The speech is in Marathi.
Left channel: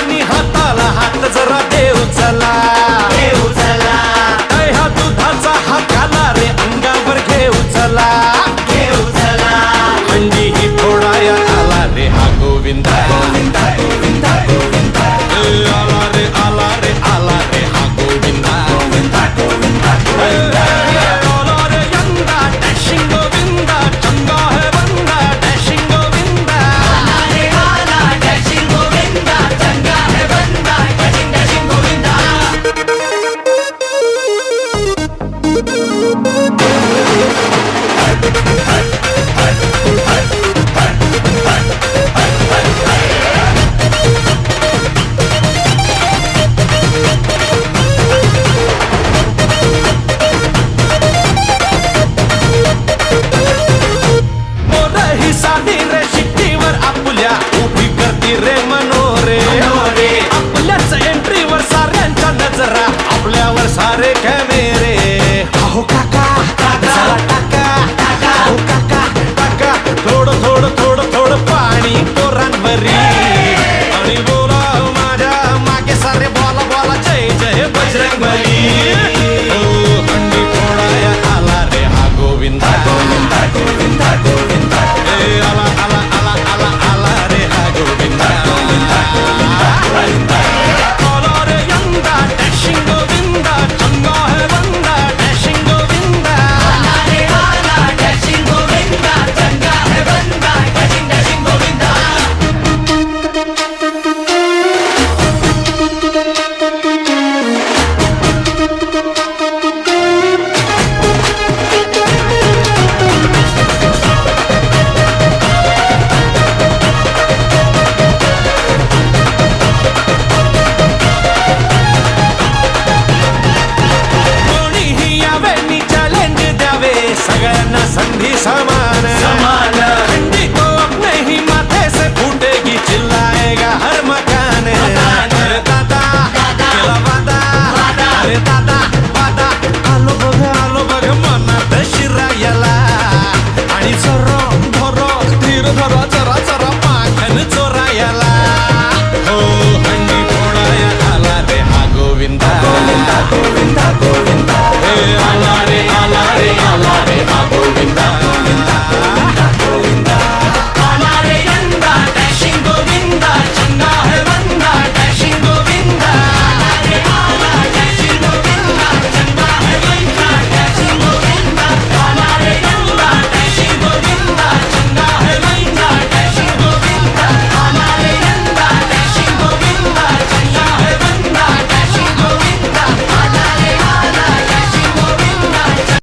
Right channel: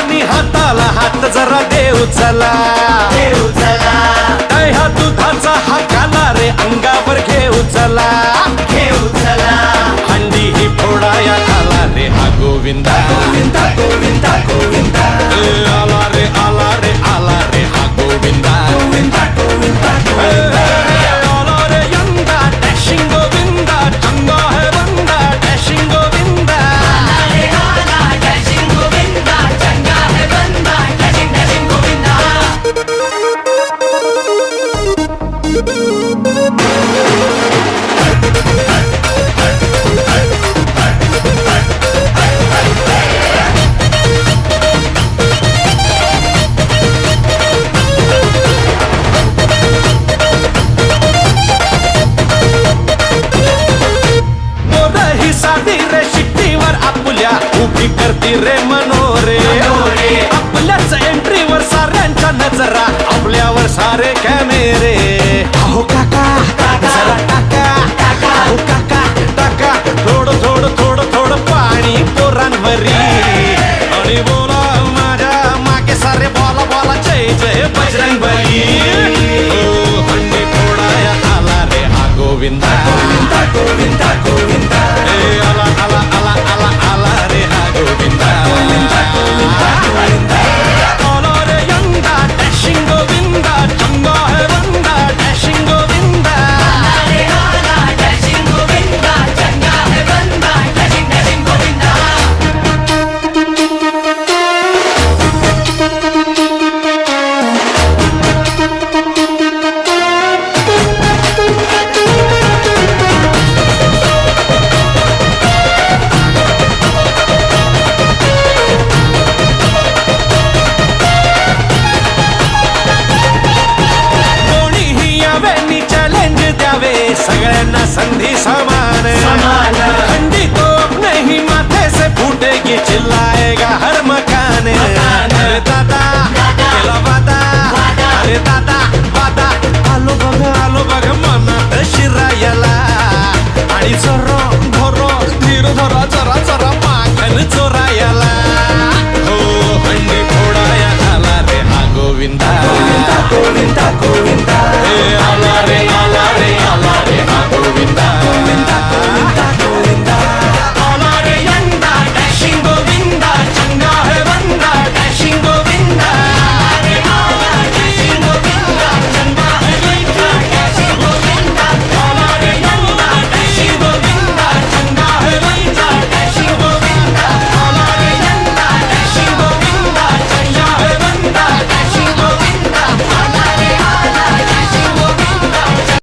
आणि हाताला हात जरा देऊ चला, दह्या दुधाचा हा काला रे अंगावर घेऊ चला, हंडी ही फोडाया आला रे हा गोविंदा, आला रे आला रे आला रे हा गोविंदा, आला रे यंदा डॅशिंग गोविंदा, चंगा है बंदा डॅशिंग गोविंदा. ही साधी रे शिट्टीवर आपुल्या उभी करती रे मनोरे, आपल्याच एंट्रीवर साऱ्यांच्या नजरा, आपल्यावर सारे कॅमेरे. अहो काका जरा टाका, अहो काका टाका थोडं थोडं थोडं थोडं पाणी पोरांवरी, आणि बोला माझ्या मागे सारे बोला बोला जय जय बजरंग बली. हो हंडी फोडाया आला रे हा गोविंदा, आला आला आला आला आला रे हा गोविंदा, आला रे यंदा डॅशिंग गोविंदा, चंगा है बंदा डॅशिंग गोविंदा. यावे चैलेंज द्यावे सगळ्यांना संधी समान, हंडी तो अपने ही माथे से फूटेगी चिल्लाएगा हर मकान. अरे दादा केला वादा, अरे दादा वादा, आलो बघ मनात शिरायला, आणि जरा धरो धीर धरा जरा जरा माखन चोरायला. हो हंडी फोडाया आला रे हा गोविंदा, आला रे आला रे आला रे हा गोविंदा, आला रे यंदा डॅशिंग गोविंदा.